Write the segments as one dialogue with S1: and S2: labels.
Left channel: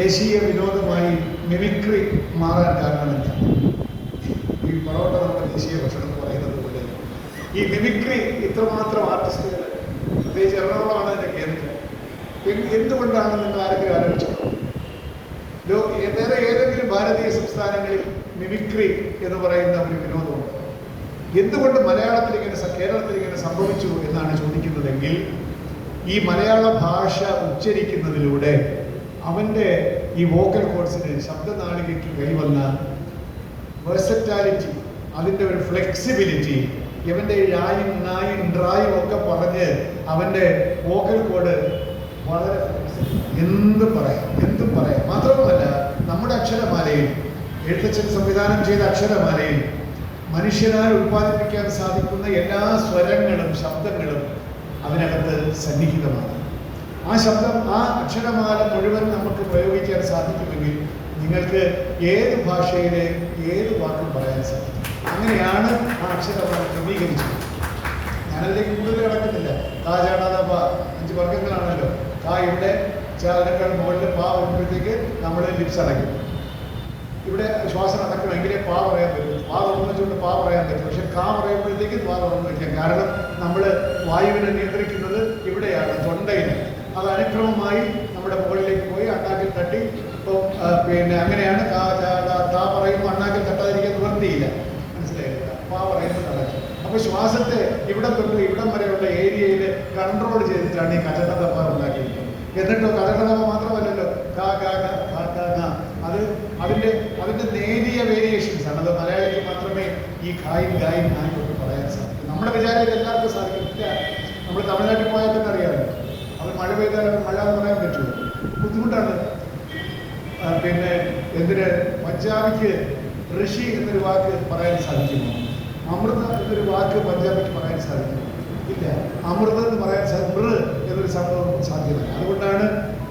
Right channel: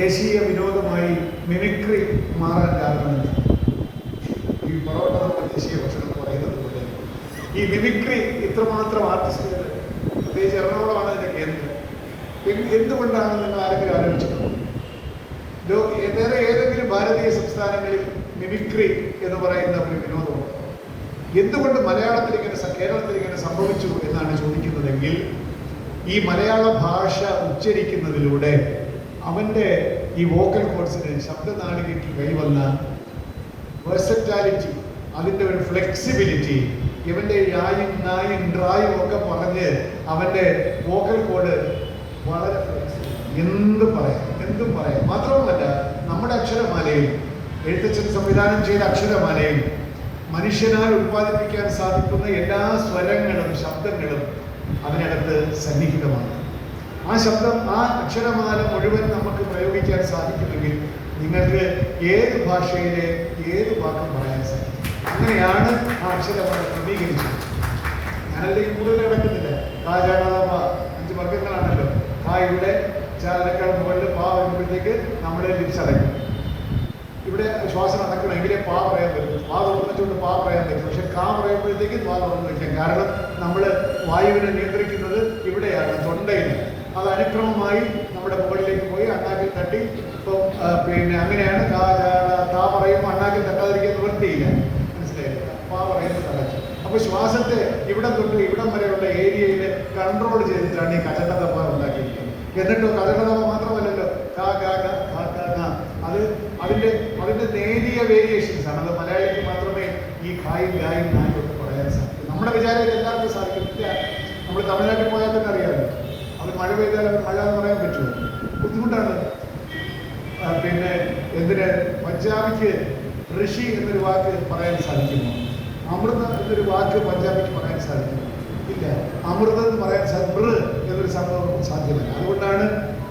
S1: ദേശീയ വിനോദമായി മിമിക്രി മാറാൻ കാരണമുണ്ട്. ഈ പൊറോട്ട ദേശീയ ഭക്ഷണം പറയുന്നത് പോലെ ഈ മിമിക്രി ഇത്രമാത്രം ആർട്ടിസ്റ്റുകൾ പ്രത്യേകിച്ച് എറണാകുളമാണ് എന്റെ കേന്ദ്രം. എന്തുകൊണ്ടാണ് നിങ്ങൾ ആരെങ്കിലും ആലോചിച്ചത് വേറെ ഏതെങ്കിലും ഭാരതീയ സംസ്ഥാനങ്ങളിൽ മിമിക്രി എന്ന് പറയുന്ന ഒരു വിനോദമുണ്ട്? എന്തുകൊണ്ട് മലയാളത്തിൽ ഇങ്ങനെ കേരളത്തിൽ ഇങ്ങനെ സംഭവിച്ചു എന്നാണ് ചോദിക്കുന്നതെങ്കിൽ ഈ മലയാള ഭാഷ ഉച്ചരിക്കുന്നതിലൂടെ അവന്റെ ഈ വോക്കൽ കോഴ്സിന് ശബ്ദനാളികയ്ക്ക് കൈവന്ന വെർസറ്റാലിറ്റി അതിന്റെ ഒരു ഫ്ലെക്സിബിലിറ്റി ഇവന്റെ യായും നായും ഡ്രായും ഒക്കെ പറഞ്ഞ് അവന്റെ വോക്കൽ കോഡ് വളരെ. എന്ത് പറയാം? എന്തും പറയാം? മാത്രവുമല്ല നമ്മുടെ അക്ഷരമാലയിൽ എഴുത്തച്ഛൻ സംവിധാനം ചെയ്ത അക്ഷരമാലയിൽ മനുഷ്യനാൽ ഉത്പാദിപ്പിക്കാൻ സാധിക്കുന്ന എല്ലാ സ്വരങ്ങളും ശബ്ദങ്ങളും അവനകത്ത് സന്നിഹിതമാണ്. ആ ശബ്ദം ആ അക്ഷരമാല മുഴുവൻ നമുക്ക് പ്രയോഗിക്കാൻ സാധിക്കുമെങ്കിൽ നിങ്ങൾക്ക് ഏത് ഭാഷയിലെ ഏത് വാക്കും പറയാൻ സാധിക്കും? അങ്ങനെയാണ് ആ അക്ഷരമാല ക്രമീകരിച്ചത്. ഞാനതിലേക്ക് കൂടുതൽ കിടക്കുന്നില്ല. താ ചേടാതെ പാ അഞ്ച് വർഗങ്ങളാണല്ലോ പാ ഇവിടെ ചേർന്നേക്കാൾ മുകളിൽ പാ വരുമ്പോഴത്തേക്ക് നമ്മുടെ ലിപ്സ് അടയ്ക്കും. ഇവിടെ ശ്വാസം നടക്കണമെങ്കിലേ പാ പറയാൻ പറ്റും. പാ തുറന്നിട്ടുണ്ട് പാ പറയാൻ പറ്റും. പക്ഷെ കാ പറയുമ്പോഴത്തേക്ക് പാ തുറന്നില്ല കാരണം നമ്മൾ വായുവിനെ നിയന്ത്രിക്കുന്നത് അത് അനുക്രമമായി നമ്മുടെ മുകളിലേക്ക് പോയി അണ്ണാക്കിൽ തട്ടി. പിന്നെ അങ്ങനെയാണ് കാ ചാ, കാ, താ പറയുമ്പോൾ അണ്ണാക്കിൽ തട്ടാതിരിക്കാൻ നിവർത്തിയില്ല മനസ്സിലായില്ല പാ പറയുന്നത് നടക്കും അപ്പൊ ശ്വാസത്തെ ഇവിടം തൊട്ട് ഇവിടം വരെയുള്ള ഏരിയയിൽ കൺട്രോൾ ചെയ്തിട്ടാണ് ഈ കഥകഥപ്പ ഉണ്ടാക്കിയിരിക്കുന്നത് എന്നിട്ടോ കഥകഥപ്പ മാത്രമല്ലല്ലോ കാ കാ കാ, കാ കാ കാ. അത് അതിന്റെ അതിന്റെ നേരിയ വേരിയേഷൻസ് ആണ് അത് മലയാളിക്ക് മാത്രമേ ഈ ഖായും ഗായും നായും ഒക്കെ പറയാൻ സാധിക്കൂ നമ്മുടെ വിചാരം ഇത് എല്ലാവർക്കും സാധിക്കുന്നില്ല നമ്മൾ തമിഴ്നാട്ടിൽ പോയാൽ തന്നെ അറിയാമല്ലോ അത് മഴ പെയ്താൽ മഴ എന്ന് പറയാൻ പറ്റുമോ ബുദ്ധിമുട്ടാണ്. പിന്നെ എന്തിന് പഞ്ചാബിക്ക് ഋഷി എന്നൊരു വാക്ക് പറയാൻ സാധിക്കുന്നു. അമൃത എന്നൊരു വാക്ക് പഞ്ചാബിക്ക് പറയാൻ സാധിക്കുന്നു. ഇല്ല അമൃത എന്ന് പറയാൻ സാധിക്കും എന്നൊരു സംഭവം സാധ്യത അതുകൊണ്ടാണ്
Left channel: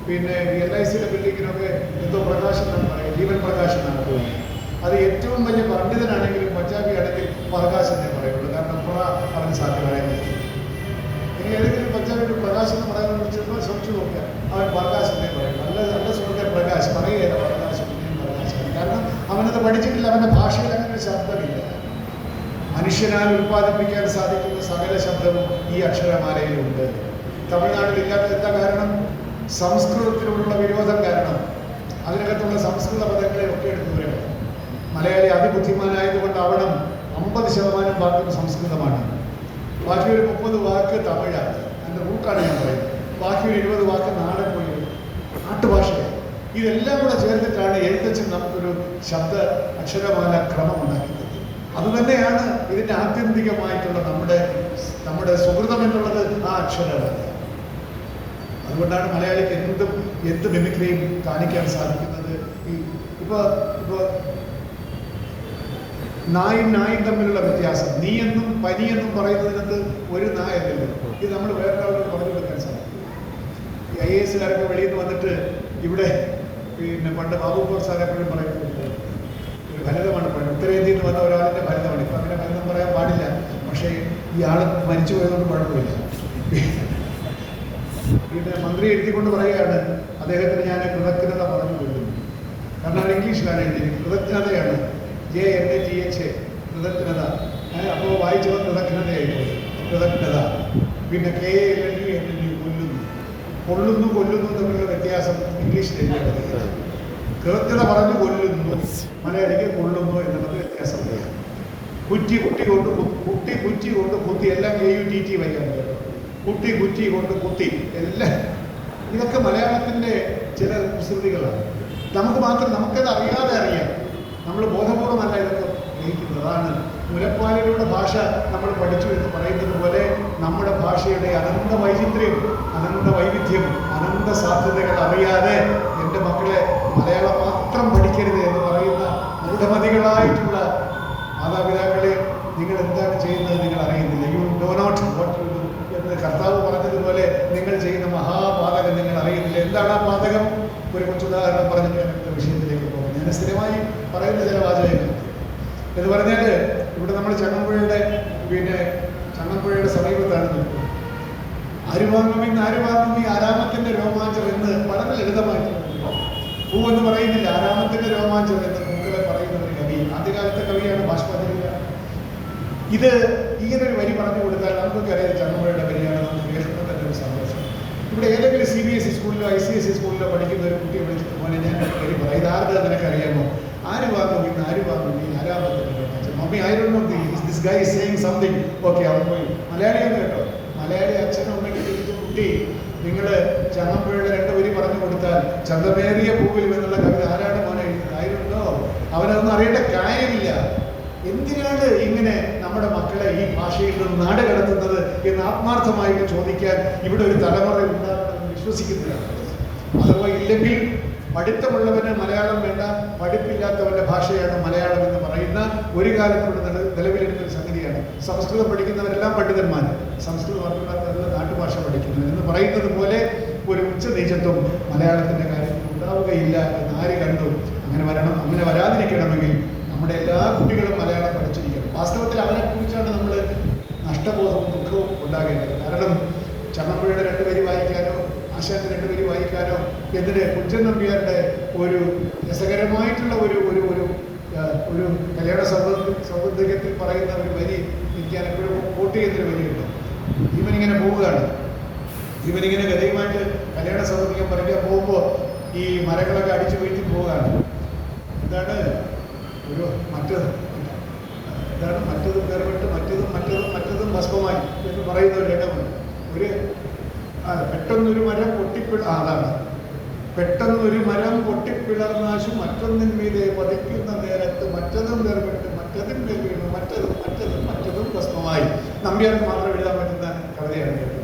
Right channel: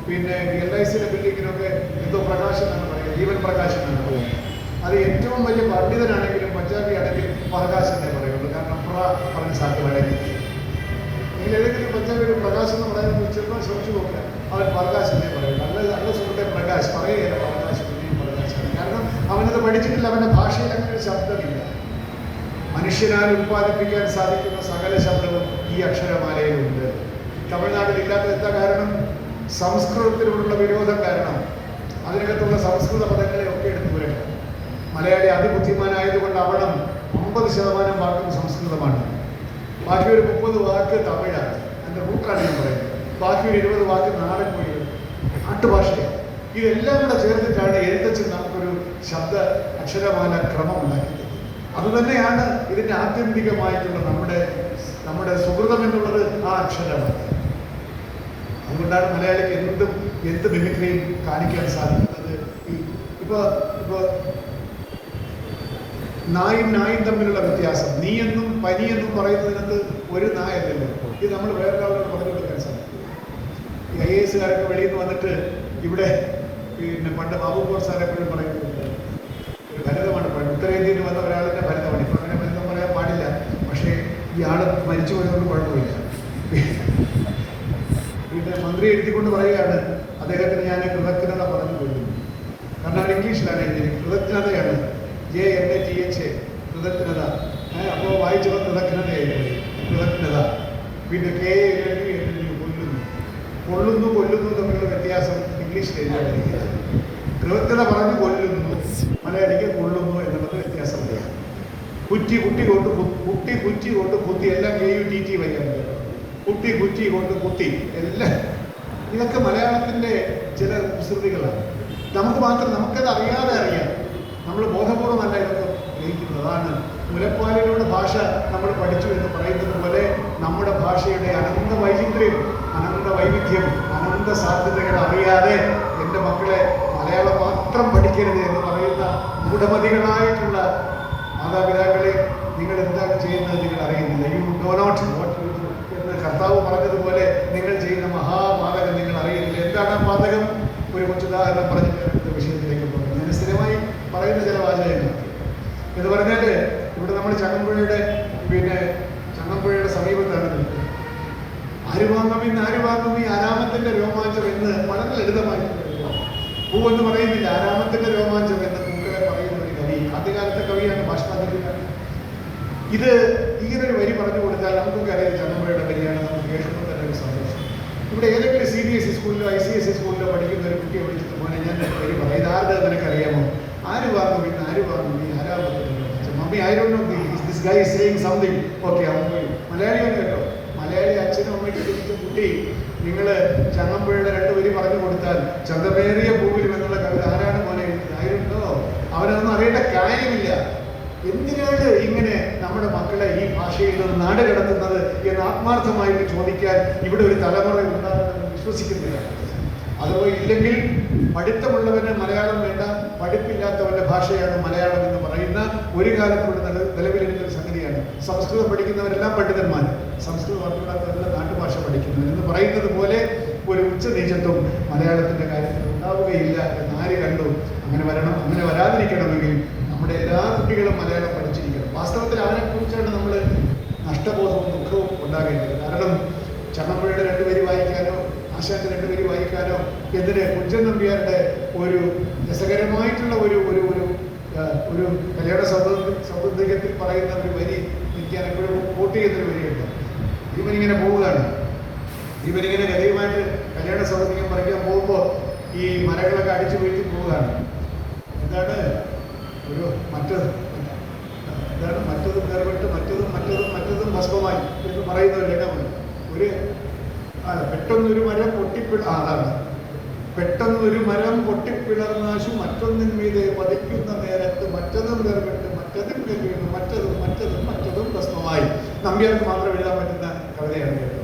S1: പിന്നെ എൽ ഐ സിയുടെ ബിൽഡിങ്ങിനൊക്കെ എന്തോ പ്രകാശം ജീവൻ പ്രകാശം അത് ഏറ്റവും വലിയ പണ്ഡിതനാണെങ്കിലും പഞ്ചാബി ആണെങ്കിൽ പ്രകാശം ഞാൻ പറയുള്ളൂ. കാരണം പ്ര പറഞ്ഞ് സാധ്യമാണെങ്കിൽ ഇനി ഏതെങ്കിലും പഞ്ചാബിയുടെ പ്രകാശം എന്ന് പറയാൻ വിളിച്ചപ്പോൾ സൂക്ഷിച്ചു നോക്കുക അവൻ പ്രകാശനെ പറയും. അല്ല നല്ല സുഹൃത്തെ പ്രകാശ്. പറയുകയല്ല പ്രകാശ് പിന്നെയും പ്രകാശം കാരണം അവനത് പഠിച്ചിട്ടില്ല അവന്റെ ഭാഷയിൽ അങ്ങനെ ഒരു ശബ്ദമില്ല. മനുഷ്യനാൽ ഉത്പാദിപ്പിക്കാൻ സാധിക്കുന്ന സകല ശബ്ദവും ഈ അക്ഷരമാലയിലുണ്ട് തമിഴ്നാട്ടിൽ ഇല്ലാത്ത എന്താ കാരണം? സംസ്കൃതത്തിലുള്ള വിരോധം കാരണം. അതിനകത്തുള്ള സംസ്കൃത പദങ്ങളെ ഒക്കെ എടുത്തു വരണം മലയാളി അതിബുദ്ധിമാനായതുകൊണ്ട് അവിടം അമ്പത് ശതമാനം വാക്കും സംസ്കൃതമാണ്. ബാക്കി ഒരു മുപ്പത് വാക്ക് തമിഴാണ്. എന്റെ ബുക്കാണ് ഞാൻ പറയുന്നത്. ബാക്കി ഒരു നാട്ടുഭാഷയാണ് ഇതെല്ലാം കൂടെ ചേർത്തിട്ടാണ് എഴുത്തച്ഛൻ നമുക്കൊരു ശബ്ദ അക്ഷരമാല ക്രമം ഉണ്ടാക്കിയത് അത് തന്നെയാണ് ഇതിന്റെ ആത്യന്തികമായിട്ടുള്ള നമ്മുടെ നമ്മുടെ സുഹൃതം എന്നുള്ളത് ആ അക്ഷരമാണ്. അതുകൊണ്ടാണ് മലയാളിക്ക് എന്തും എന്ത് മിമിക്രിയും കാണിക്കാൻ സാധിക്കുന്നത്. ഈ ഇപ്പൊ ഇപ്പൊ നായും നായും തമ്മിലുള്ള വ്യത്യാസം. നീ എന്നും പനി എന്നും പറയുന്നതിനകത്ത് ഒരു നായ ഇത് നമ്മൾ വേറൊരാളോട് പറഞ്ഞു വെക്കാൻ സാധിക്കും ഈ ഐ എസ് കാരൊക്കെ വെളിയിൽ നിന്ന് വന്നിട്ട് ഇവിടെ പിന്നെ പണ്ട് ബാബുപോർ സാർ എപ്പോഴും പറയുന്നുണ്ട് ഭരതമാണ് പണ്ട് ഉത്തരേന്ത്യയിൽ നിന്ന് വന്ന ഒരാളുടെ ഭരതമാണ്. ഇപ്പം അങ്ങനെ ഭരതം പറയാൻ പാടില്ല. പക്ഷേ ഈ ആൾ മരിച്ചു പോയതുകൊണ്ട് കുഴപ്പമില്ല. ഇവിടെ മന്ത്രി എഴുതിക്കൊണ്ട് പറയുകയാണ് അദ്ദേഹത്തിന് ഞാൻ കൃതജ്ഞത പറഞ്ഞു കൊടുക്കുന്നു. കാരണം ഇംഗ്ലീഷിലാണ് എഴുതി കൃതജ്ഞതയാണ്. J N A T H കൃതജ്ഞത. അപ്പോൾ വായിച്ചപ്പോൾ കൃതജ്ഞതയായിരുന്നു കൃതജ്ഞത. പിന്നെ K A L L N L കൊല്ലുന്നു കൊള്ളുന്നു കൊല്ലുന്നു തമ്മിലുള്ള വ്യത്യാസം ഇംഗ്ലീഷ് കേൾക്കുന്ന പറഞ്ഞു കൊല്ലുന്നു മലയാളിക്ക് കൊള്ളുന്നു എന്നുള്ളത് വ്യത്യാസമുണ്ട്. കുറ്റി കുട്ടി കൊണ്ട് കുട്ടി കുറ്റി കൊണ്ട് കുത്തി എല്ലാം എ യു ടി ടി വയ്ക്കുന്നത്. കുട്ടി കുറ്റി കൊണ്ട് കുത്തി എല്ലാം. ഇതൊക്കെ മലയാളത്തിന്റെ ചില കുസൃതികളാണ് നമുക്ക് മാത്രം നമുക്കത് അറിയാതെ അറിയാം. നമ്മൾ ബോധപൂർവമല്ല ഇതൊക്കെ ഉപയോഗിക്കുന്നത്. അതാണ് മുലപ്പാലിലൂടെ ഭാഷ നമ്മൾ പഠിച്ചു എന്ന് പറയുന്നത് പോലെ നമ്മുടെ ഭാഷയുടെ അനന്ത വൈചിത്ര്യം അനന്ത വൈവിധ്യം അനന്ത സാധ്യതകൾ അറിയാതെ എന്റെ മക്കളെ മലയാളം മാത്രം പഠിക്കരുത് എന്ന് പറയുന്ന മൂഢമതികളായിട്ടുള്ള മാതാപിതാക്കളെ നിങ്ങൾ എന്താണ് ചെയ്യുന്നത് നിങ്ങൾ അറിയുന്നില്ല. യു ഡോ നോട്ട് എന്ന് കർത്താവ് പറഞ്ഞതുപോലെ നിങ്ങൾ ചെയ്യുന്ന മഹാപാതകം നിങ്ങൾ അറിയുന്നില്ല. എന്താണ് ആ പാതകം? ഒരു കൊച്ചുദാഹരണം പറഞ്ഞിട്ട് വിഷയത്തിലേക്ക് പോകും ഞാൻ സ്ഥിരമായി പറയുന്ന ചില വാചകങ്ങൾ. എന്ന് പറഞ്ഞാൽ ഇവിടെ നമ്മൾ ചങ്ങമ്പുഴയുടെ പിന്നെ ചങ്ങമ്പുഴയുടെ സമീപത്താണ് നിൽക്കുന്നത് ഈ ആരാമത്തിന്റെ രോമാഞ്ചം എന്ന് വളരെ ലളിതമായി. പൂ എന്ന് പറയുന്നില്ല ആരാമത്തിന്റെ രോമാഞ്ചം എന്ന് പൂക്കളെ പറയുന്ന ഒരു കവി. ആദ്യകാലത്തെ കവിയാണ് ഭാഷ്പതിയാണ് ഇത് ഇങ്ങനെ ഒരു വരി പറഞ്ഞു കൊടുത്താൽ നമുക്ക് അറിയാം ചന്ദ്രയുടെ വരിയാണ് നമുക്ക് കേൾക്കുമ്പോൾ തന്നെ ഒരു സന്തോഷം. ഇവിടെ ഏതെങ്കിലും സി ബി എസ് ഇ സ്കൂളിലോ ഐ സി എസ് ഇ സ്കൂളിലോ പഠിക്കുന്ന ഒരു കുട്ടിയെ വിളിച്ചിട്ട് പോലെ ഞാൻ വരി പറയാം. ഇതാരുടെ നിനക്കറിയാമോ? ആര് പറഞ്ഞു ആര് പറഞ്ഞു നീ mummy I don't know this guy something okay അവൻ പോയി മലയാളിയാണ് കേട്ടോ മലയാളി അച്ഛനും അമ്മയ്ക്ക് ഇരിക്കുന്ന കുട്ടി നിങ്ങൾ ചങ്ങമ്പുഴയുടെ രണ്ട് വരി പറഞ്ഞു കൊടുത്താൽ ചന്തമേറിയ പൂവിലും എന്നുള്ള കവിത ആരാണ് മോനെ? ആയിരുന്നോ അവനൊന്നും അറിയേണ്ട കാര്യമില്ല. എന്തിനാണ് ഇങ്ങനെ നമ്മുടെ മക്കളെ ഈ ഭാഷയിൽ നിന്ന് നാട് കടത്തുന്നത് എന്ന് ആത്മാർത്ഥമായിട്ട് ചോദിക്കാൻ ഇവിടെ ഒരു തലമുറ ഉണ്ടാകുമെന്ന് വിശ്വസിക്കുന്നില്ല. അഥവാ ഇല്ലെങ്കിൽ പഠിത്തമുള്ളവന് മലയാളം വേണ്ട പഠിപ്പില്ലാത്തവന്റെ ഭാഷയാണ് മലയാളം എന്ന് പറയുന്ന ഒരു കാലത്തുള്ള നില നിലവിലിരുന്ന ഒരു സംഗതിയാണ്. സംസ്കൃതം പഠിക്കുന്നവരെല്ലാം പണ്ഡിതന്മാർ സംസ്കൃതം അറിവില്ലാത്തവരെല്ലാം നാട്ടുഭാഷ പഠിക്കുന്നു എന്ന് പറയുന്നത് പോലെ ഒരു ഉച്ച നീചത്വം മലയാളത്തിന്റെ കാര്യത്തിൽ ഉണ്ടാവുകയില്ല എന്ന് ആര് കണ്ടു? അങ്ങനെ വരണം അങ്ങനെ വരാതിരിക്കണമെങ്കിൽ നമ്മുടെ എല്ലാ കുട്ടികളും മലയാളം പഠിച്ചിരിക്കണം. വാസ്തവത്തിൽ അവനെക്കുറിച്ചാണ് കുറിച്ചാണ് നമ്മൾ നഷ്ടബോധവും ദുഃഖവും ഉണ്ടാകേണ്ടത്. കാരണം ചമ്മപ്പുഴയുടെ രണ്ടുപേര് വായിക്കാനോ ആശാന്റെ രണ്ടുപേര് വായിക്കാനോ എതിരെ കുഞ്ചൻ നമ്പ്യാരുടെ ഒരു രസകരമായിട്ടുള്ള ഒരു ഒരു ഒരു ഒരു മലയാള സ്വാതന്ത്ര്യ സ്വാതന്ത്ര്യത്തിൽ പറയുന്ന ഒരു വരി എനിക്ക് എപ്പോഴും കോട്ട് ചെയ്യുന്നൊരു വരിയുണ്ട്. ഇവനിങ്ങനെ പോവുകയാണ്. ഇവനിങ്ങനെ കരയുമായിട്ട് കല്യാണ സൗകര്യം പറയുക പോകുമ്പോൾ ഈ മരങ്ങളൊക്കെ അടിച്ചു വീഴ്ത്തി പോവുകയാണ്. എന്താണ്? ഒരു മറ്റത് എന്താണ്? മറ്റതും വേർപെട്ട് മറ്റതും മറ്റതും മറ്റതും ഭസ്മമായി എന്ന് പറയുന്ന ഒരു ഇടമുണ്ട് ഒരു പെട്ടെന്നൊരു മരം പൊട്ടിപ്പിട അതാണ്. പെട്ടെന്നൊരു മരം പൊട്ടിപ്പിളർന്നാശു മറ്റൊന്നിന് മീതെ പതിക്കുന്ന നേരത്ത് മറ്റതും വേർപെട്ട് മറ്റതും കരുവിടും മറ്റതും മറ്റതും മറ്റതും ഭസ്മമായി നമ്പ്യാർക്ക് മാത്രം പറ്റുന്ന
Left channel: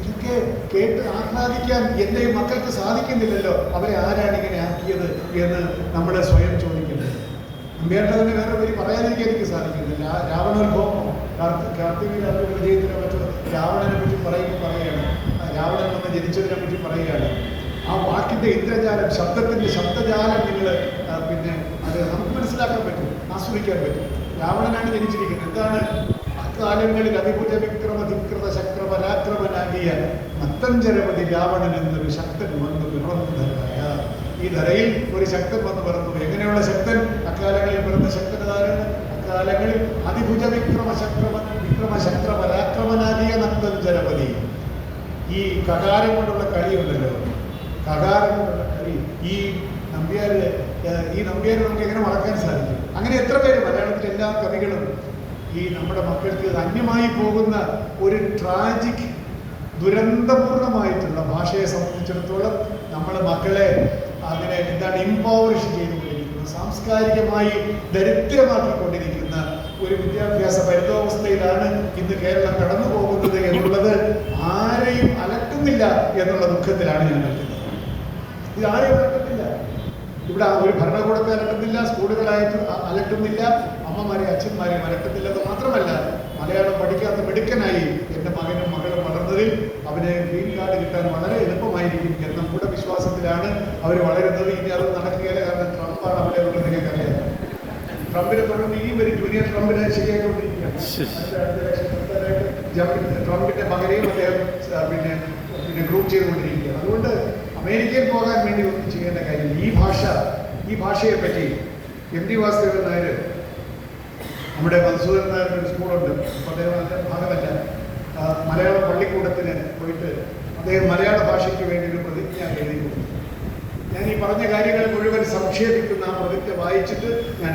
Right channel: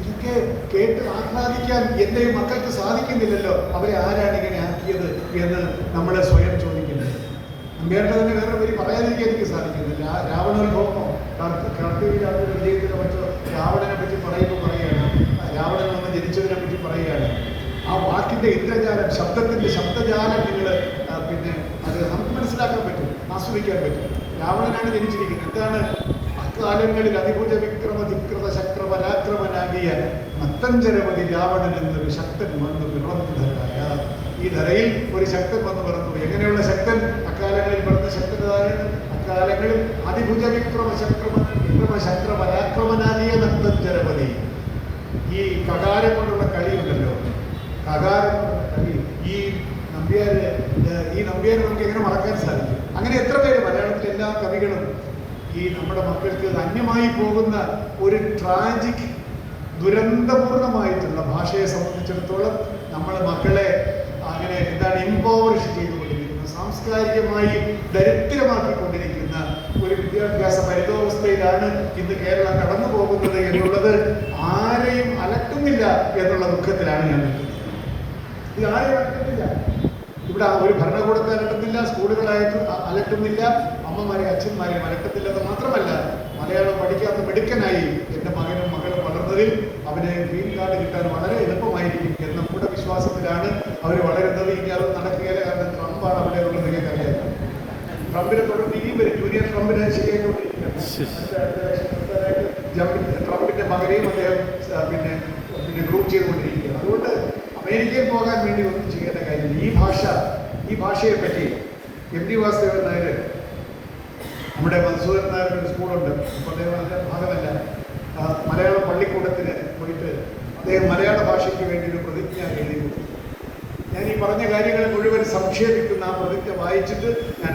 S1: ഇതൊക്കെ കേട്ട് ആഹ്ലാദിക്കാൻ എന്റെ മക്കൾക്ക് സാധിക്കുന്നില്ലല്ലോ. അവരെ ആരാണ് ഇങ്ങനെ ആക്കിയത് എന്ന് നമ്മളെ സ്വയം ചോദിക്കുന്നത്. അമ്മേണ്ടതിന് വേറെ ഒരു പറയാതിരിക്കാൻ എനിക്ക് സാധിക്കുന്നില്ല. രാവണോത്ഭവമോ കാർത്തിക വിജയത്തിനെ പറ്റോ രാവണനെ പറ്റി പറയുമ്പോൾ പറയുകയാണ്. രാവണൻ വന്ന് ജനിച്ചതിനെ പറ്റി പറയുകയാണ്. ആ വാക്കിന്റെ ഇന്ദ്രജാലം ശബ്ദത്തിന്റെ ശബ്ദജാലം നിങ്ങൾ പിന്നെ അത് നമുക്ക് മനസ്സിലാക്കാൻ പറ്റും ആസ്വദിക്കാൻ പറ്റും. രാവണനാണ് ജനിച്ചിരിക്കുന്നത്. എന്താണ് അക്കാലങ്ങളിൽ അതിപുജ വിക്രമധിക്രത ശക്ര പരാക്രമനാകിയ നത്തഞ്ചരവതി രാവണൻ എന്നൊരു ശക്തൻ വന്ന് പിറന്നതായ ഈ ധരയിൽ ഒരു ശക്തൻ വന്ന് പിറന്നത് എങ്ങനെയുള്ള ശക്തൻ? അക്കാലങ്ങളിൽ പിറന്ന ശക്തനാരാണ് അക്കാലങ്ങളിൽ അതിഭുജ വിക്രമ ശക്രമ വിക്രമ ശക്ര പരാക്രമനാകിയ നത്തഞ്ചരവതി ഈ കകാരം കൊണ്ടുള്ള കളിയുണ്ടല്ലോ. കകാരം ഈ നമ്പ്യാര് ഈ നമ്പ്യാരെ നമുക്ക് എങ്ങനെ മറക്കാൻ സാധിക്കും? അങ്ങനെ എത്ര പേര് മലയാളത്തിൽ എല്ലാ കവികളും ഈ നമ്മുടെ മക്കൾക്ക് ധന്യമായി പോകുന്ന ഒരു ട്രാജിക് ദുരന്തപൂർണമായിട്ടുള്ള ഭാഷയെ സംബന്ധിച്ചിടത്തോളം നമ്മുടെ മക്കളെ അതിനെ എന്താണ് ഇമ്പോവറിഷ് ചെയ്തുകൊണ്ടിരിക്കുന്ന സാംസ്കാരികമായി ദരിദ്രമാക്കിക്കൊണ്ടിരിക്കുന്ന ഒരു വിദ്യാഭ്യാസ പരിതോവസ്ഥയിലാണ് ഇന്ന് കേരളം കടന്നു പോകുന്നത് എന്നുള്ളത് ആരെയും അലക്കുന്നില്ല എന്നുള്ള ദുഃഖത്തിലാണ് ഞാൻ ഇത് ആരെയും അലക്കുന്നില്ല ഇവിടെ ഒരു ഭരണകൂടത്തെ അലക്കുന്നില്ല സ്കൂളുകളായിട്ട് അ- അലട്ടുന്നില്ല. അമ്മമാരെ അച്ഛന്മാരെ മലക്കത്തില്ലാതെ മാത്രമല്ല മലയാളം പഠിക്കാത്ത മിടുക്കനായി എന്റെ മകനും മകളും വളർന്നതിൽ അവന് ഗ്രീൻ കാർഡ് കിട്ടാൻ വളരെ എളുപ്പമായിരിക്കും എന്ന നമ്മുടെ വിശ്വാസത്തിലാണ് അവർ വളരുന്നത്. ഇനി അത് നടക്കുകയില്ല. കാരണം ട്രംപാണ് അവിടെ ഉള്ളത് നിങ്ങൾക്കറിയാം ട്രംപിനെ തുടർന്ന് ഇനിയും വരും ജൂനിയർ ട്രംപിനെ ശരിയായിക്കൊണ്ടിരിക്കുകയാണ് ട്രംപിന്റെ മകനെയും അദ്ദേഹം പിന്നെ പിന്നെ ഗ്രൂപ്പ് ചെയ്തുകൊണ്ടിരിക്കുകയാണ്. അതുകൊണ്ട് അമേരിക്കയിൽ പോകാൻ വേണ്ടി ഒന്നും ചെയ്യേണ്ട കാര്യം ഈ ഭാഷ ഈ ഭാഷയെ പറ്റി എം ടി വാസുദേവൻ നായർ മധുസൂദൻ നായർ ഒരു സ്കൂളുണ്ട്. അദ്ദേഹം അതിന്റെ ഭാഗമല്ല. മലയാള പള്ളിക്കൂടത്തിന് പോയിട്ട് അദ്ദേഹം മലയാള ഭാഷയ്ക്ക് വേണ്ടി ഒരു പ്രതിജ്ഞ എഴുതി കൊടുത്തു. ഞാൻ ഈ പറഞ്ഞ കാര്യങ്ങൾ മുഴുവൻ സംക്ഷേപിക്കുന്ന ആ പ്രതിജ്ഞ വായിച്ചിട്ട് ഞാൻ